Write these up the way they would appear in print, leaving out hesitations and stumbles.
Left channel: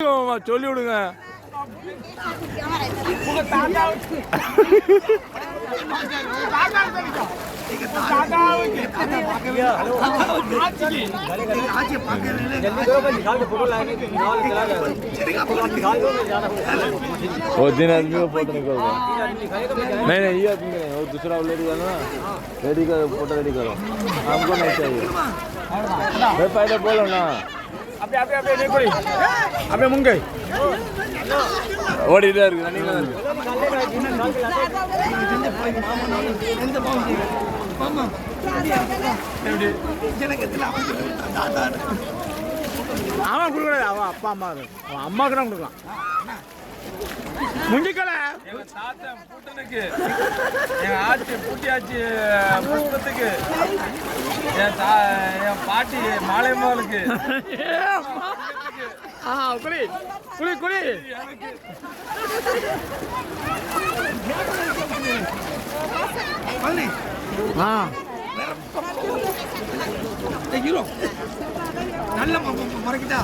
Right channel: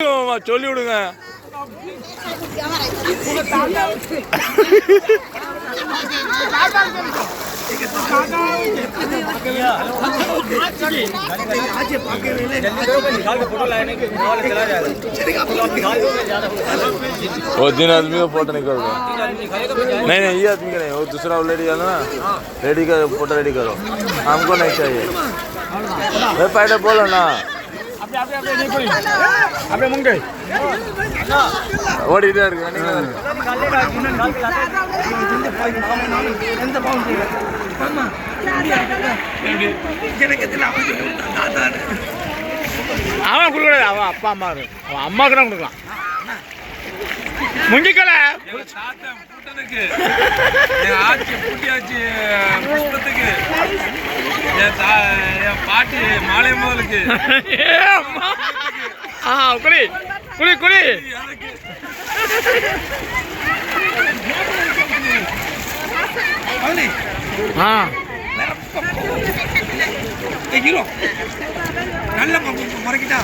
சொல்லி விடுங்க. वो दिन आदमी को फोटो निकाल दो. नहीं नहीं, ये आदमी का नहीं, वो दूसरा ऑलरेडी है ना, रेडी का फोटो रेडी करो. हमको नहीं चाहिए. भाई पहले बोलो ना. अबे मुंगे ஓடிட்டே இருக்கு. அவன் கொடுக்கூடாது, அவன் அப்பா அம்மா, அவன் அம்மாவுக்கு தான் கொடுக்கலாம். முங்கிக்கல பூட்டனுக்கு ஆட்சி பூட்டியாச்சு, புஷ்பத்துக்கு, என் பாட்டி மாலையம்மாளுக்கு. குளி குளி குளி. நல்ல முறைக்கிட்டா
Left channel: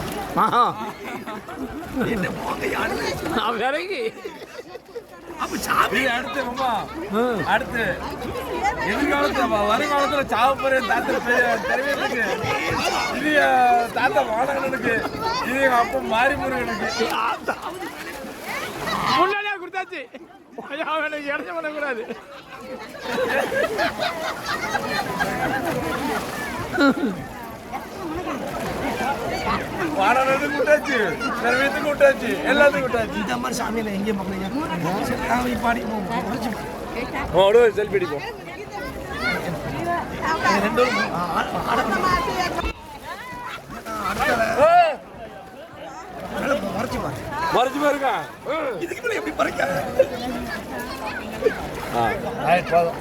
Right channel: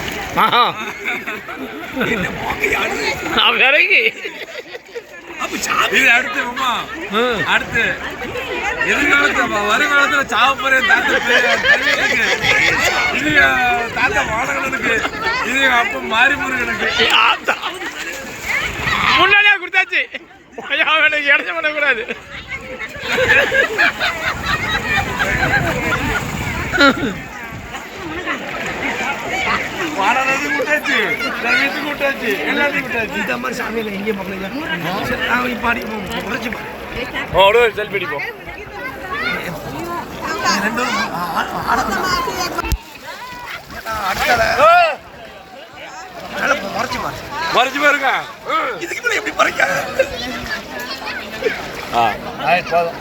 இது அடுத்து அம்மா, அடுத்து எதிர்காலத்துல வருங்காலத்துல சாவப்போற இது தாத்தா வாடகனுக்கு, இது அப்ப மாரிமுருகனுக்கு. முன்னாடியே கொடுத்தாச்சு, இடைச்ச பண்ணக்கூடாது. வாடகனுக்கு கூட்டாச்சு, வீட்டுக்கு கூட்டாச்சு, எல்லாத்தையும் கூட்டாச்சு. இந்த மாதிரி சாமியில எங்கேயும் பாடி செல்ஃபி அடிப்போம். மறைச்சு பாருங்க, இதுக்கு எப்படி பறிக்க. போதும்.